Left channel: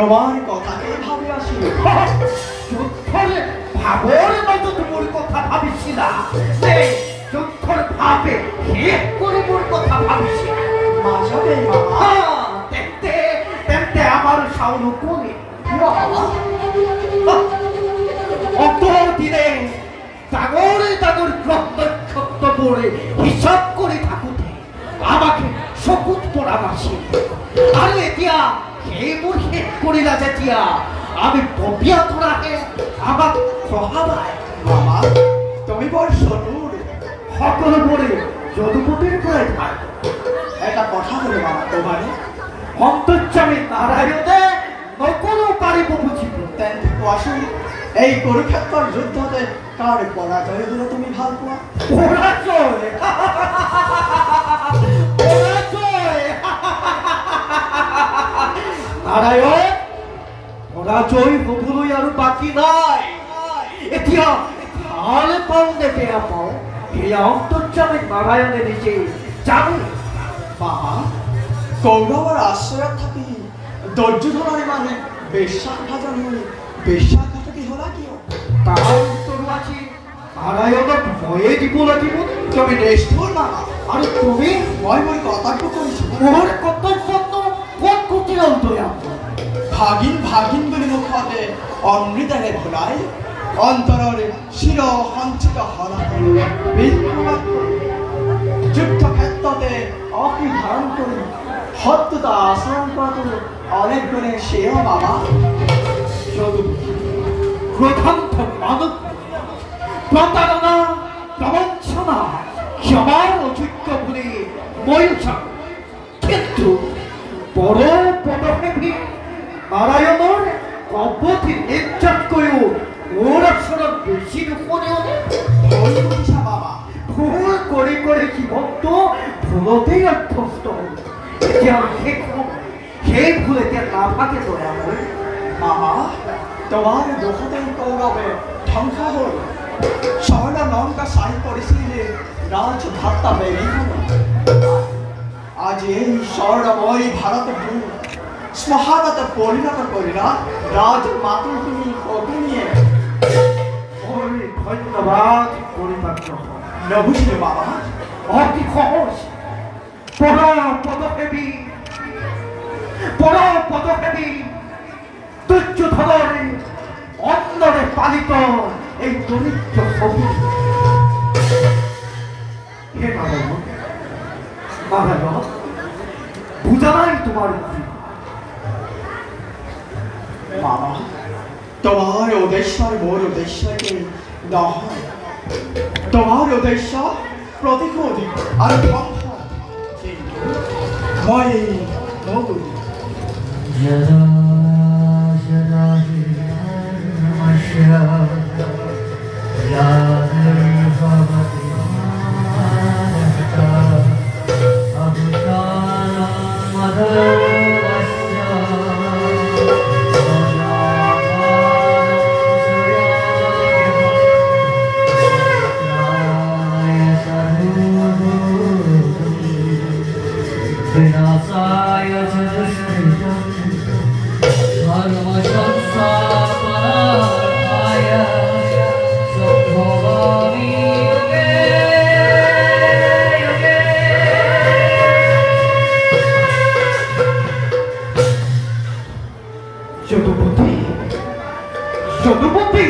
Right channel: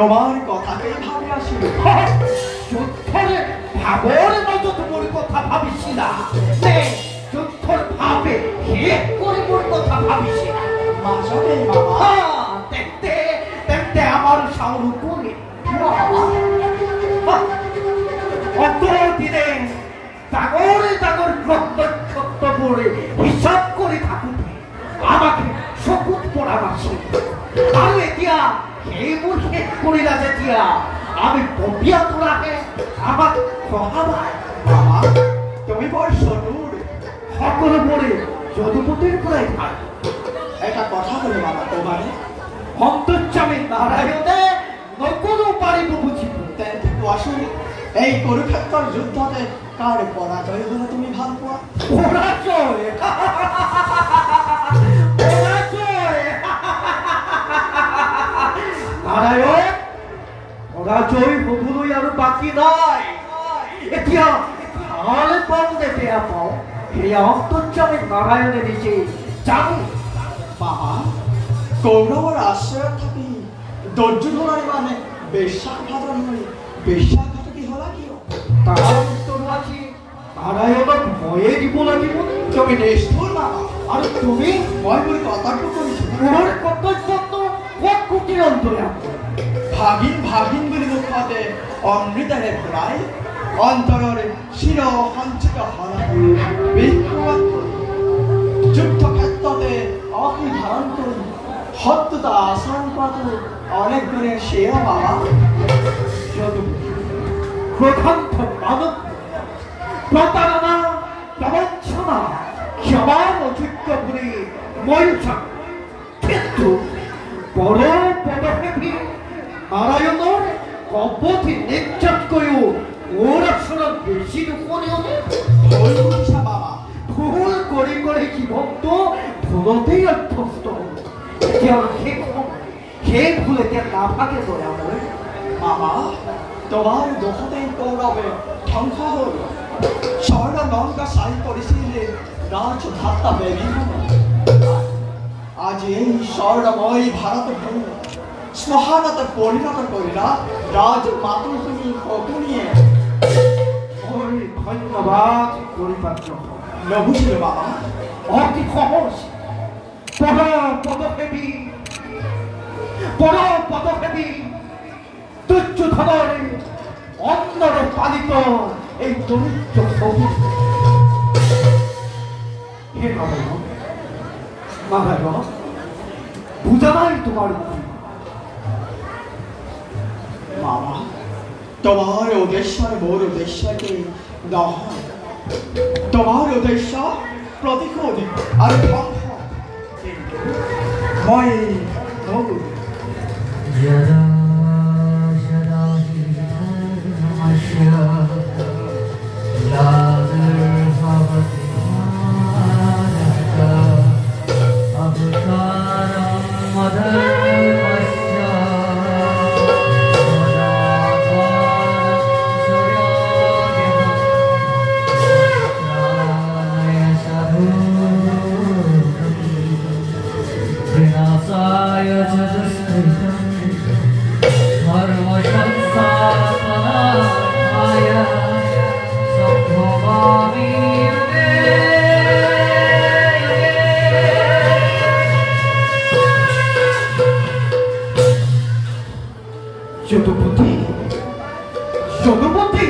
তোমার কথাকেই ভাবি আসি। যুদ্ধরে ভাবর মতো তোমার কথা ভাবিস না, যুদ্ধর ভাবে এক করে মোর কথা ভাবিস না। মাসবে দেখতে দেখতে আমার সাউন্ড কমে কত দিনে ডাগরে ডাগর সত্য পড়ে হিসাব করে থাকুতে আমাকে শপথ পড়াবাসি। আর এতিয়া সেই মোৰ শেষ কৰি না যেতিয়া আমি ববিয়া তোলাকে আমাক খহাবাই। তুমি বৰ চতুৰ, সকলোবোৰে যদুপতিৰ পৰাই ভাল। এটা কথা বলে মামা, তোমারে অন্তর্যামী নারায়ণে নকৰো পাৰিব বুজিব। তেন্তে কোৱাচোন, এই কুৰুক্ষেত্ৰৰ যুদ্ধতে কাৰ পৰাজয় হলে তুমি ভাল পোৱা? পৰাজয় নারায়ণ, পরাজয় হবলৈ আৰু বাকী নাই। এতিয়া ভাল পাওঁ দেখে আকৌ সেয়া অন্তৰ্যামী নারায়ণে নিজে জানো। বাবা, কৌৰৱৰ আশ্ৰয়ত থাকি দুৰ্যোধনৰ মানে বেশ্যাভাজন হৈ বেশ্যাঘাতকী হলা কিয়? তাৰ উত্তৰ আছে নারায়ণক ময়ে দিব লাগিব। তুমি নিষ্ঠুৰ বাবা, আৰু তুমি? মই মোৰ কৰ্তব্য কৰিছো। মোৰ কৰ্তব্যটো ক'ত কুটিল অন্তৰাম? ভাগিন ভাগিন বুলি মুখতে অমৃতেৰে ভৰাই অন্তৰৰে চিৰ সঞ্চিত যুদ্ধ ক্ষেত্ৰতে অতি ধাৰণ কৰি সত্যতা আচৰণ কৰাটো অনেক গুণে সেয়ে বাবা। ক্রোধান্ত মানব প্রতারণা প্রবঞ্চনা ক্ষমার অযোগ্য বলে মই জানো, কিন্তু বড় পদক্ষেপী নারায়ণৰ কপতি নিৰ্যাতকৈও মোৰ আচৰণ বেছি নুশুনে। ভুল কৰি কৰি জীৱনটো ভুলতেই অভ্যস্ত হ'ল। এতিয়া সেই ভুল এতিয়া নাভাগে দয়া মোৰ। বাবা, তোমার দোষতেই কৌরবে ধ্বংস হল। স্বর্ণ লঙ্কা সাই করেছিলে রাজ ভাতা বেরি হল। আজ এই স্বর্ণময় ভারত ভূমি শ্মশানতে পরিণত করিলা রাজ মাতুল তুমি অতুনিয়ে। ধন্যবাদ পরিপাত্র নবুঝিল বাবা, অতি সহজ পদক্ষেপী দুর্যোধনের অন্নরে পালিত এই দরিদ্র ছবি। হে নারায়ণ, বুঝা নাই তোমার বাবা, তোমার উদ্দেশ্য মোর উদ্দেশ্যকে নহয়। তোমার উদ্দেশ্য প্রতিশোধ আর ধ্বংস, মই নবুঝি। যদুপতি